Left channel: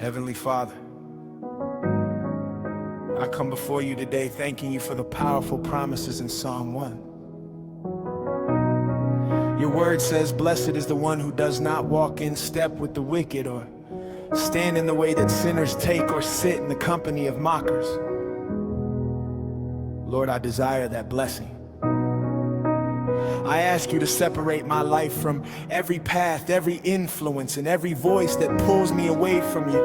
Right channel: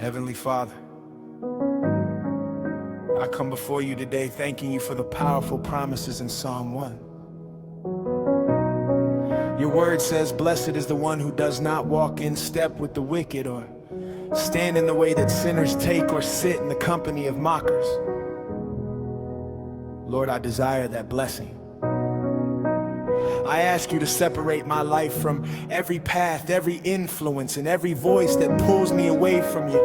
Heavenly Father, I come before you today thanking you for the powerful promises in Psalm 1. Your word says, "Blessed is the one who does not walk in step with the wicked, or stand in the way that sinners take, or sit in the company of mockers." Lord, I desire that blessing. I ask you to separate my life from every path, every influence, and every voice that pulls me away from you.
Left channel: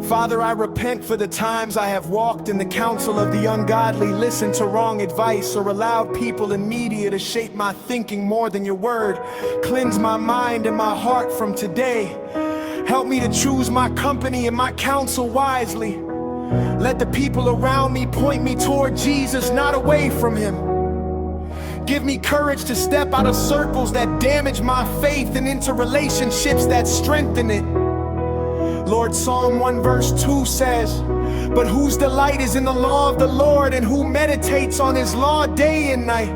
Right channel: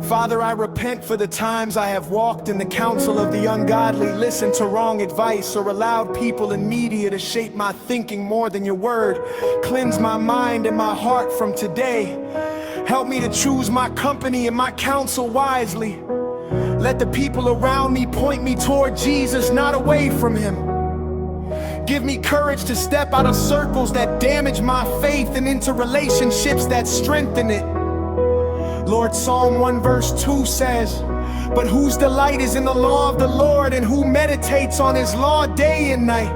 Father, I repent for the times I have walked in the counsel of the ungodly, listened to wrong advice, or allowed people and media to shape my thinking more than your word. Cleanse my mind and my heart from today. Help me to choose my company and my counsel wisely. Let the people around me point me toward Jesus, not away from him. Give me courage to step out of circles that damage my faith and into relationships that strengthen it. Lord, Psalm 1 verse 2 says, "But whose delight is in the law of the Lord, and who meditates on his law day and night."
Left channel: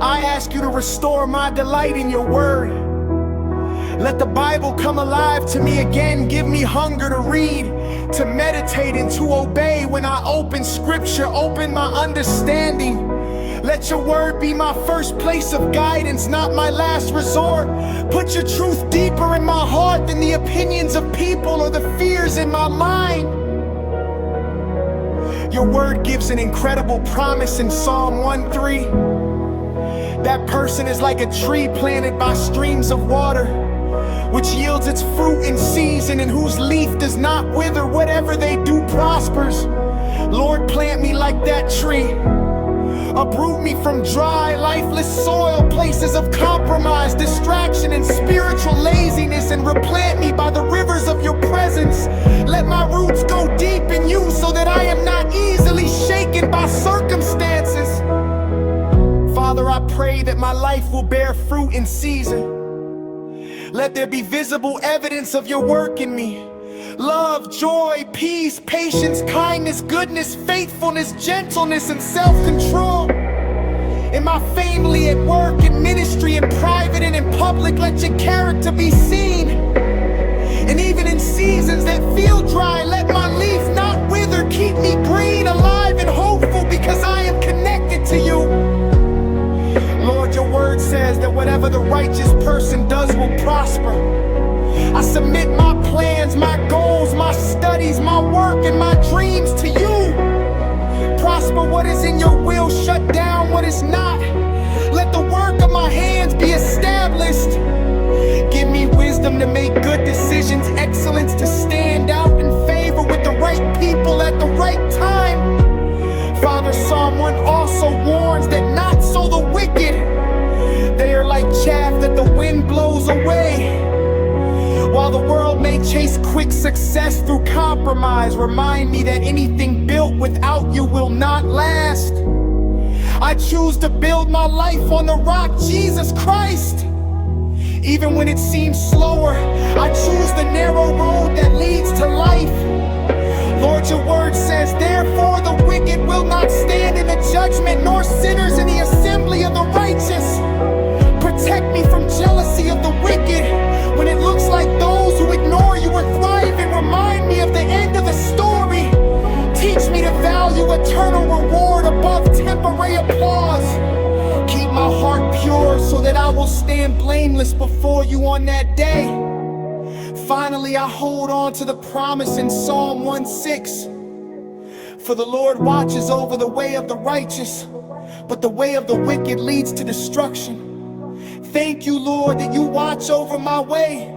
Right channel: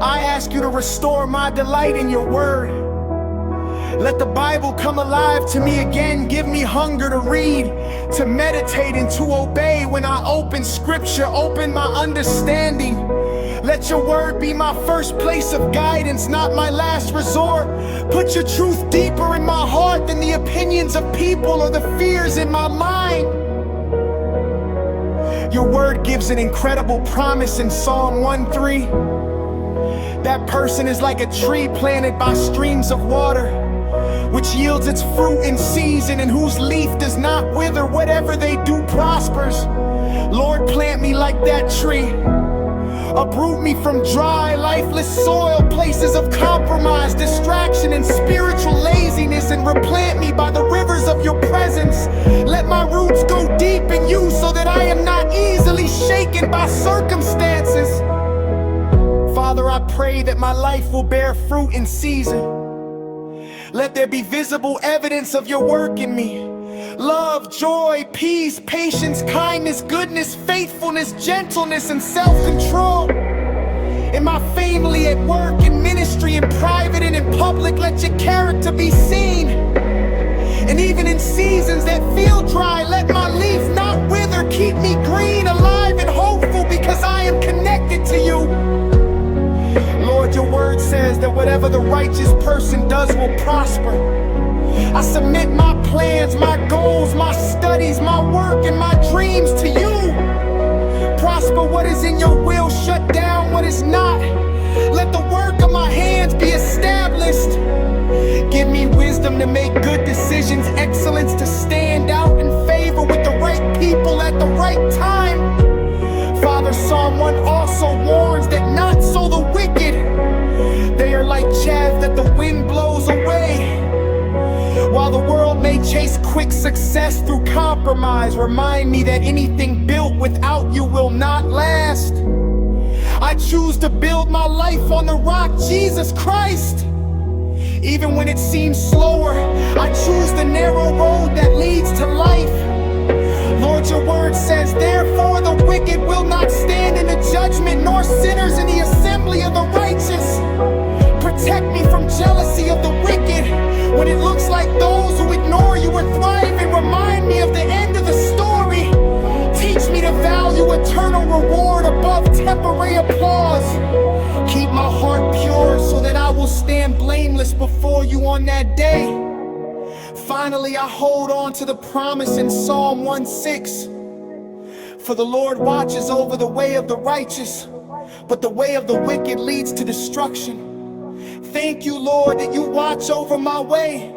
I ask you to restore my delight in your word. Let the Bible come alive to me again. Give me hunger to read, to meditate, and to obey. When I open scripture, open my understanding. Let your word be my first place of guidance, not my last resort. Put your truth deeper in my heart than the opinions of people or the fears in my mind. Your word gives an incredible promise in Psalm 1:3. That person is like a tree planted by streams of water, which yields its fruit in season, and whose leaf does not wither. Whatever they do prospers. Lord, plant me like that tree. Uproot me from dry, lifeless soil, places of compromise, distraction, and spiritual laziness, and replant me by the rivers of your presence. Let my roots go deep in you so that I am not easily shaken by circumstances. Father, I pray that my life will bear fruit in season. Let there be visible evidence of your work in me. Love, joy, peace, patience, kindness, goodness, faithfulness, gentleness, and self-control. In my family, at work, in ministry, in private, and in public, let your character be seen. And even in seasons that feel dry, let my leaf not wither. Keep me green, alive, and hopeful, because I am connected to you. Lord, your word says that whatever the righteous person does will prosper. I submit my plans, my goals, my studies, my work, and my dreams to you. Prosper what is in your will, shut down what is not. Let the work of my hands be established. Give me wisdom to make good decisions, excellence to stand out in favor with the right people at the right time. Father, Psalm 1 also warns that not so the wicked. They are like chaff that the wind blows away. While the world may chase quick success through compromise, remind me that anything built without you will not last. I choose to build my life on the rock, Jesus Christ. Even when it seems slower, I choose the narrow road that leads to life. Lord, your word says, "Therefore the wicked will not stand in the judgment, nor sinners in the assembly of the righteous." Protect me from jealousy of the wicked. When it looks like those who ignore you are thriving, remind me of the end of the story. Teach me to value eternal reward above temporary applause. Keep my heart pure so that I will stand blameless before you on that day. Finally, I hold on to the promise in Psalm 1:6. "For the Lord watches over the way of the righteous, but the way of the wicked leads to destruction." Thank you, Lord, that you watch over my way.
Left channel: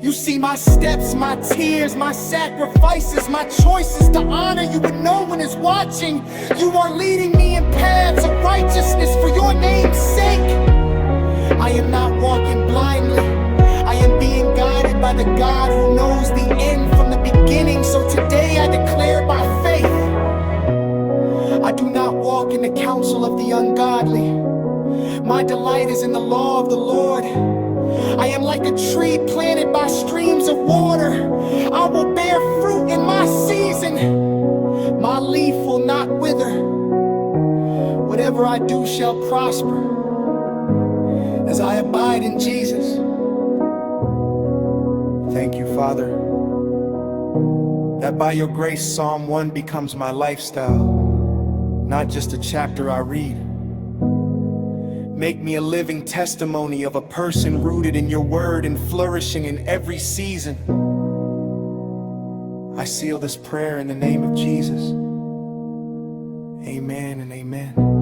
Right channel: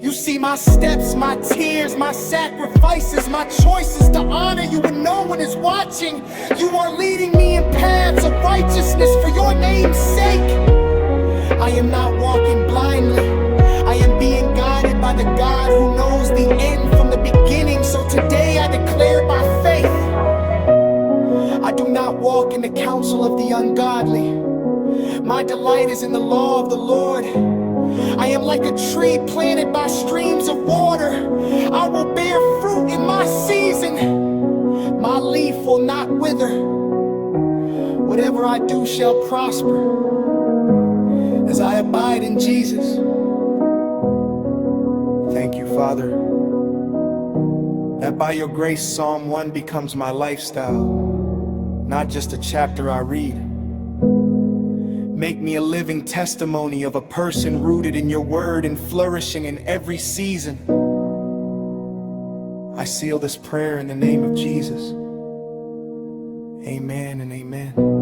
You see my steps, my tears, my sacrifices, my choices to honor you when no one is watching. You are leading me in paths of righteousness for your name's sake. I am not walking blindly. I am being guided by the God who knows the end from the beginning. So today I declare by faith, I do not walk in the counsel of the ungodly. My delight is in the law of the Lord. I am like a tree planted by streams of water. I will bear fruit in my season. My leaf will not wither. Whatever I do shall prosper, as I abide in Jesus. Thank you, Father, that by your grace, Psalm 1 becomes my lifestyle, not just a chapter I read. Make me a living testimony of a person rooted in your word and flourishing in every season. I seal this prayer in the name of Jesus. Amen and amen.